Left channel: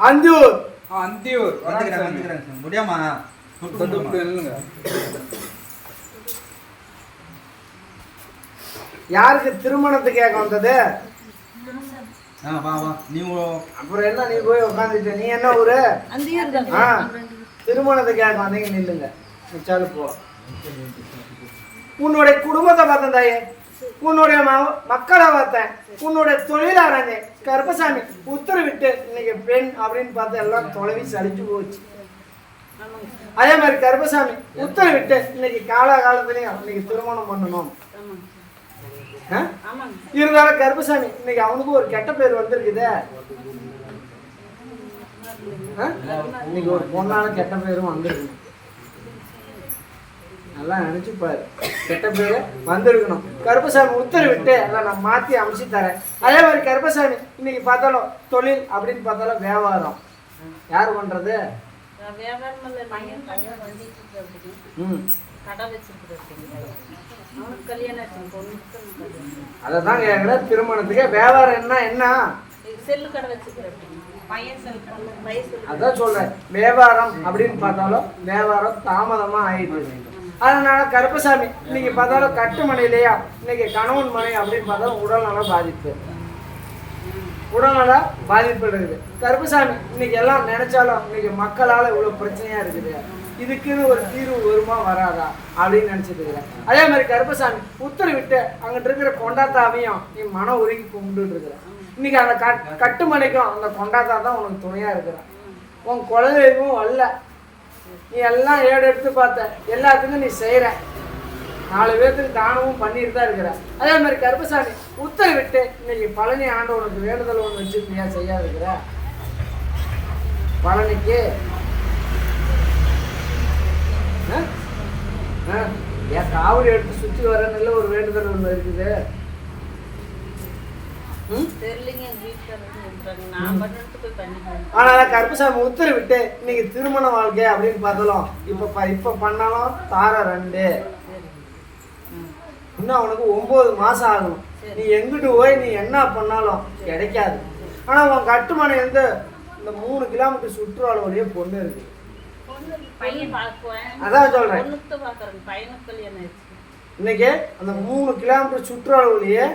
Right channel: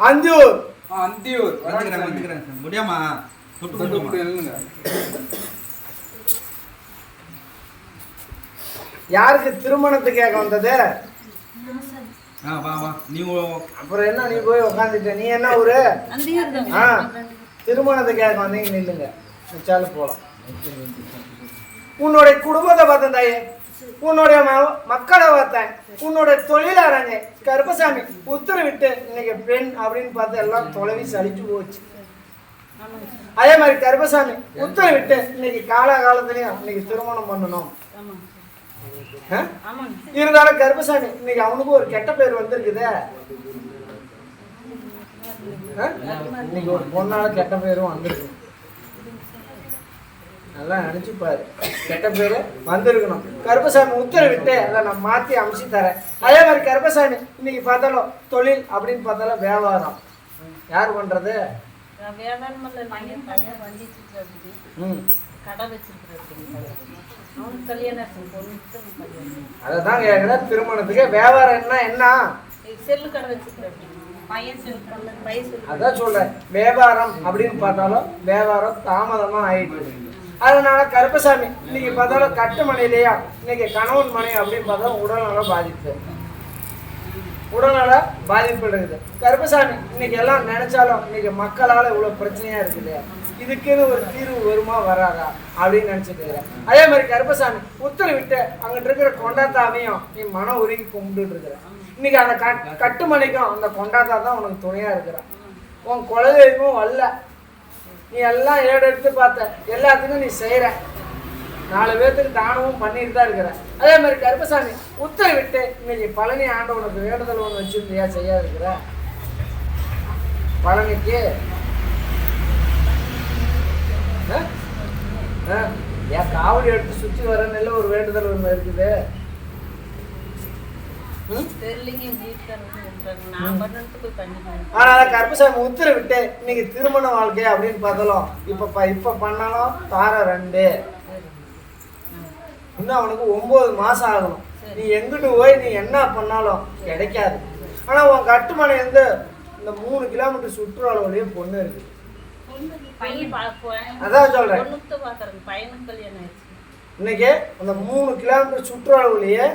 அந்தியூர். அந்தியூர் வந்துக்கிறாங்க முடியாமா யாருக்கு திருமணத்துக்கு கேட்க வந்தது? அப்புறம் என்ன நீ போய் உட்காந்துட்ட? நீ என்ன ஊரு? திருமணத்துக்கு கேட்க வந்தீங்க, நில்லுங்க, மிச்சாலும் போகலாம். உன்னுடைய குடும்பத்தை பார்த்தேன் தாயே, உன்னுடைய மக்களை பார்த்தேன், உன்னுடைய தொழிலாளங்க கருப்பசாமி உத்தரவிட்டு இன்னைக்கு பெண் அப்படின்னு பார்த்து எல்லாம் தொலைவி சலிச்சு போச்சு. அதே மாதிரி கருப்பசாமி உத்தரவிட்டு இன்னைக்கு காலகாலத்திலையும் இன்னைக்கு திருமணம் பண்ணணும். இருந்தாலும் கருப்பசாமி இன்னைக்கு அவனுக்கு ஒரு கெட்ட பேர் வந்திருக்குதே. இன்னைக்கு ஒரு பொண்ணால கெட்ட பேரும் வந்திருக்கு. நல்லா நினைச்சுப்பாரு, கெட்ட பேரு வந்திருக்கணும். கருப்பசாமி உத்தரவிட்டு அதை நான் மாற்றி அமைச்சு தரேன். அதே மாதிரி கருப்பசாமி இன்னைக்கு பார்த்தாலும் தொழில் அப்படின்னு பார்த்தாலும் வியாபாரம் யார் பண்றது? அதான் கேட்கல. திருமணத்துக்கு வியாபாரம் என்ன? அதான் சொல்றேன், வியாபாரம் அப்படின்னு பார்த்தாலும் வியாபாரம் தாமதமா ஆயிடுச்சு. அதனால கருப்பசாமி இன்னைக்கு பார்த்தாலும் கட்டுமனையிலையா இன்னைக்கு கணவன் மனை அப்படின்னு பார்த்தாலும் உடல்நல பாதிப்பு இருக்குது. கருப்பசாமி இன்னைக்கு எல்லாம் நினைச்சாலும் இன்னைக்கு மக்களால் இவ்வளோ பிரச்சனையா இருக்குது. இதுக்குன்னு ஒரு தீர்வு வருமா வராதா அப்படின்னு நினைச்சிட்டு இருக்கிறேன். அதே மாதிரி கருப்பசாமி உத்தரவிட்டு அங்கிட்டு இருக்கிற கொண்டாத்தாவையும் நீ மன உருகி கும்பிட்டு இருக்கிற. இன்னைக்கு அந்த கட்டுமனைக்கும் அந்த கொண்டாத்தா தான் உனக்கு துணையா இருக்கிறான். உன் குலதெய்வமும் வரல, நீ எல்லாம் ஏடு எடுத்து பார்த்த, எல்லாத்துக்கும் நீ செய்யற, 4 பேர்த்துக்கு தானமும் பண்ணிட்டு தான் இருக்கிற. அதே மாதிரி கருப்பசாமி உத்தரவிட்டு இன்னைக்கு பழனி ஆண்டவனுக்கு வேண்டுதல் ஒன்று வச்சிருந்தியா செய்யாது இருக்கிற. பழனிக்கு ஏன் காவடி எடுத்து சுற்றி வர நல்ல ஒரு வேண்டுதல் ஒன்று இருக்குது. ஆனா கருப்பசாமி உத்தரவிட்டு இன்னைக்கு திருமண வாழ்க்கை அப்படின்னு பார்த்தாலும் இப்ப பண்ணாலும் தார 2 இன்னும் அவனுக்கு 9 மாசம் ஆகணும். நீ எங்கிட்டு போய் நீ என்ன பண்ணாலும் கிடைக்காது. ஆனா உன் கட்டுமனை வந்து இந்த 3 கிலோமீட்டர் சுற்றுலாவிலேயே பொண்ணு இருக்கு. அதான் சொல்றேன், இன்னைக்கு அந்த 3 கிலோமீட்டர் சுற்றுலாவிலேயே